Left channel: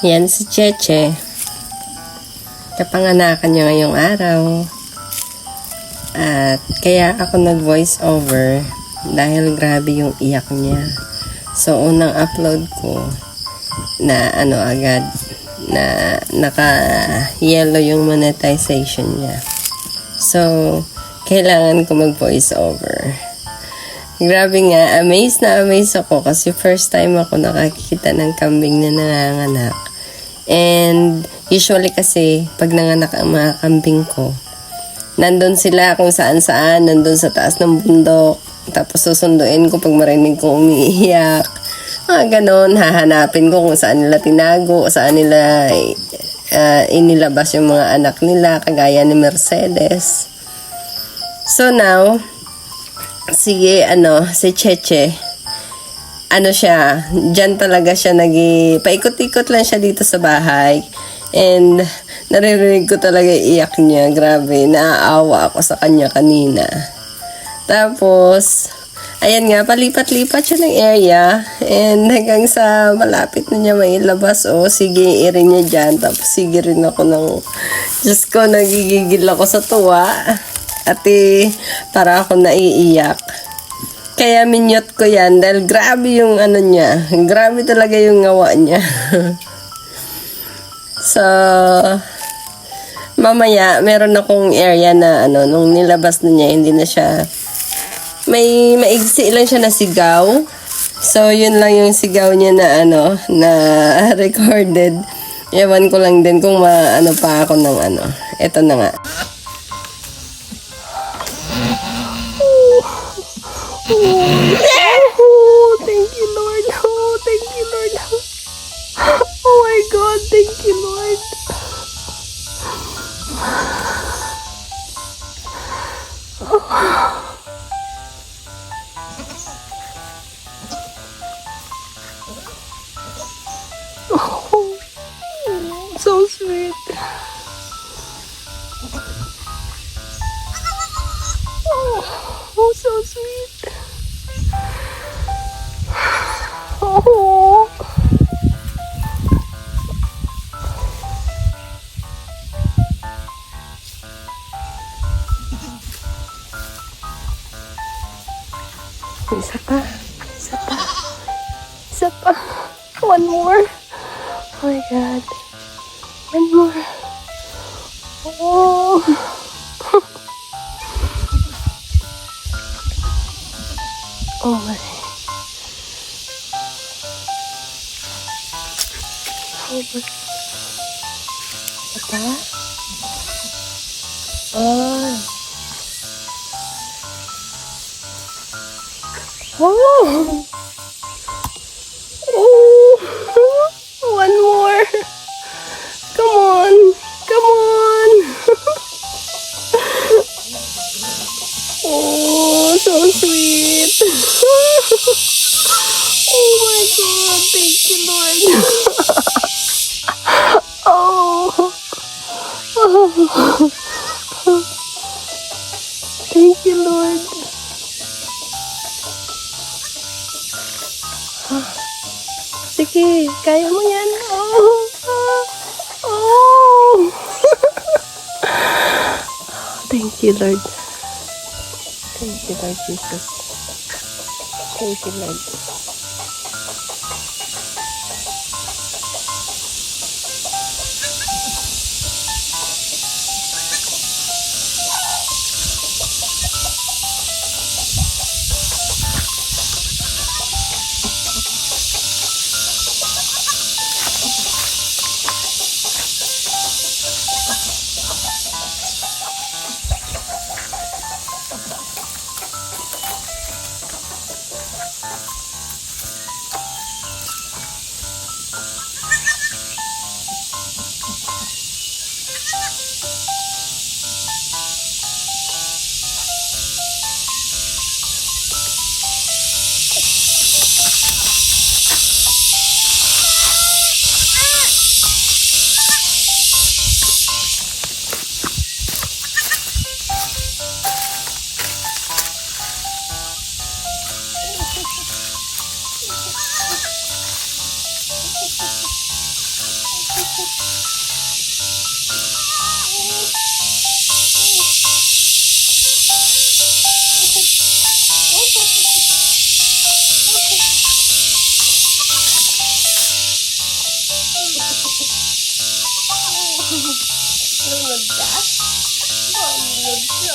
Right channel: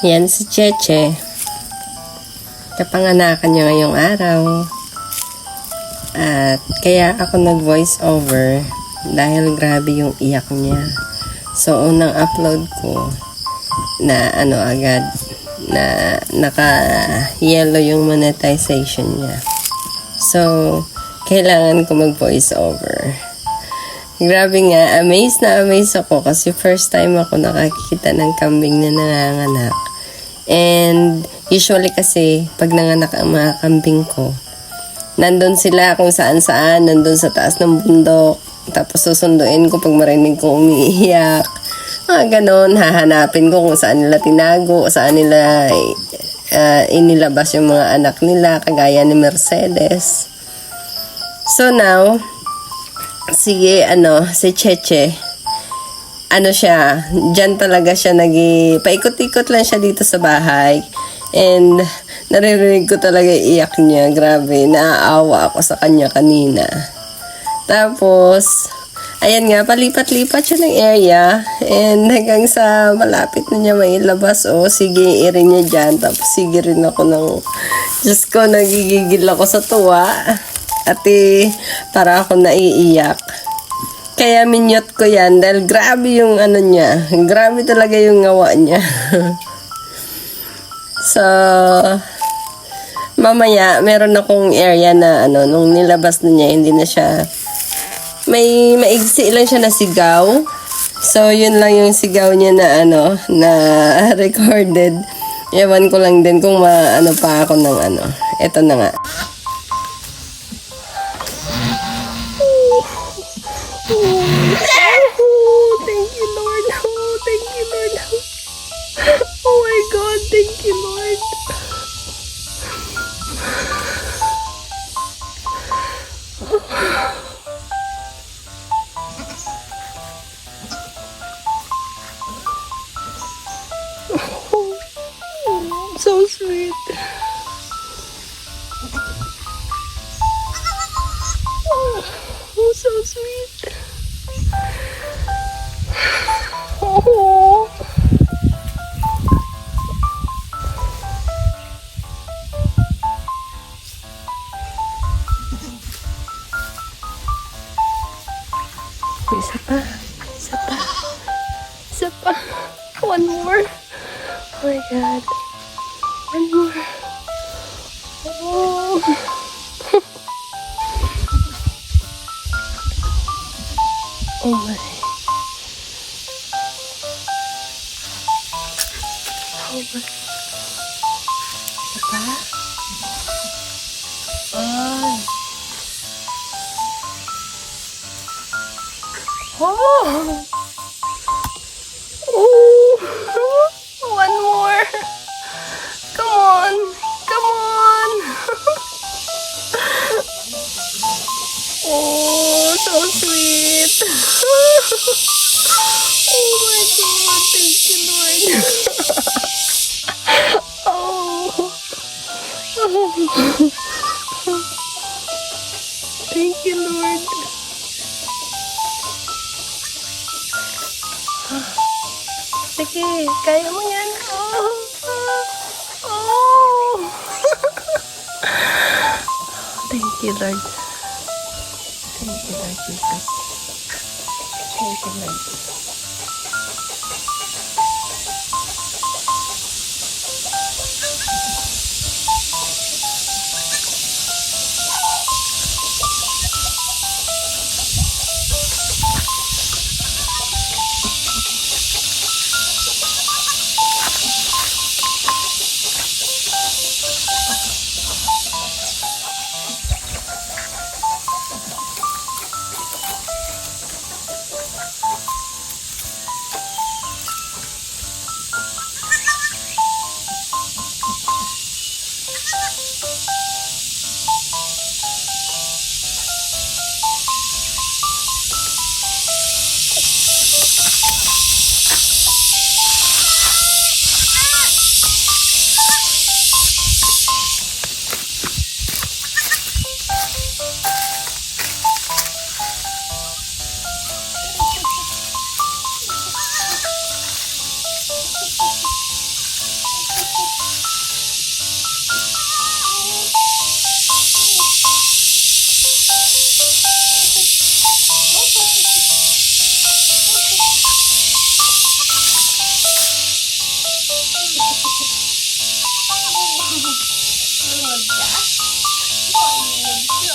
Yan si Cheche. Kapanganakan niya ngayong araw. At kaya ako nag-voice over dahil grabe yung iyak niya. So, unang upload ko na agad na naka-yellow yung monetization niya. So, kailangan ko mag-voice over. Grabe nga, amazed na amazed ako kasi first time ako nakakita ng kambing na nanganganak. And usually kasi pag nanganak ang mga kambing ko, nandun sila kung saan-saan, nandun sa taas ng bundok. Tapos susunduin ko pag marinig ko umiiyak. Ganon, hahanapin ko kung saan nila tinago, saan nila inilabas yung mga anak nila, kagaya ni Mercedes. So now, si Cheche, siya, dyan talaga siya paikot-ikot lang siya dito sa bahay. And naririnig ko talaga iyak niya. Grabe, naaawa ako sa kanya kanina. Tapos, ayan nga, palipat-lipat siya ng area. And hanggang sa malapit na niya mailabas, sige, irin niya dyan. Tapos sige rin ako Diyos ko, nagigigil ako sa tuwa. At para ako naiiyak. Kaya minyot ko yan dahil grabe yung niya. Grabe talaga yung ngawa niya. So, mamaya, meron akong area na nung nilabas na niya, hindi na siya, maigsi lang siya na sigaw. So, yun lang yung sigaw niya na recorded. Ewan ko lang din kung maano pa ako ng Ito na nga. Oh, thank you, Lord. Oh, thank you, Lord. Oh my God, thank you, Lord. Oh, so sweet. Oh, so sweet. Oh. Isa pa. Isa pa. Isa pa. One more. Oh my God. One more. Oh. Oh my. Isa pa. Oh. Oh. Oh. One more. Come on. Come on. Oh, so sweet. Oh my God. Thank you, Lord. Oh. Thank you, Lord. Sige, kaya mo yan. Oh. Oh. Thank you, Lord. Thank you, Lord Jesus. Thank you, Lord. Pagod ka? Pagod ka.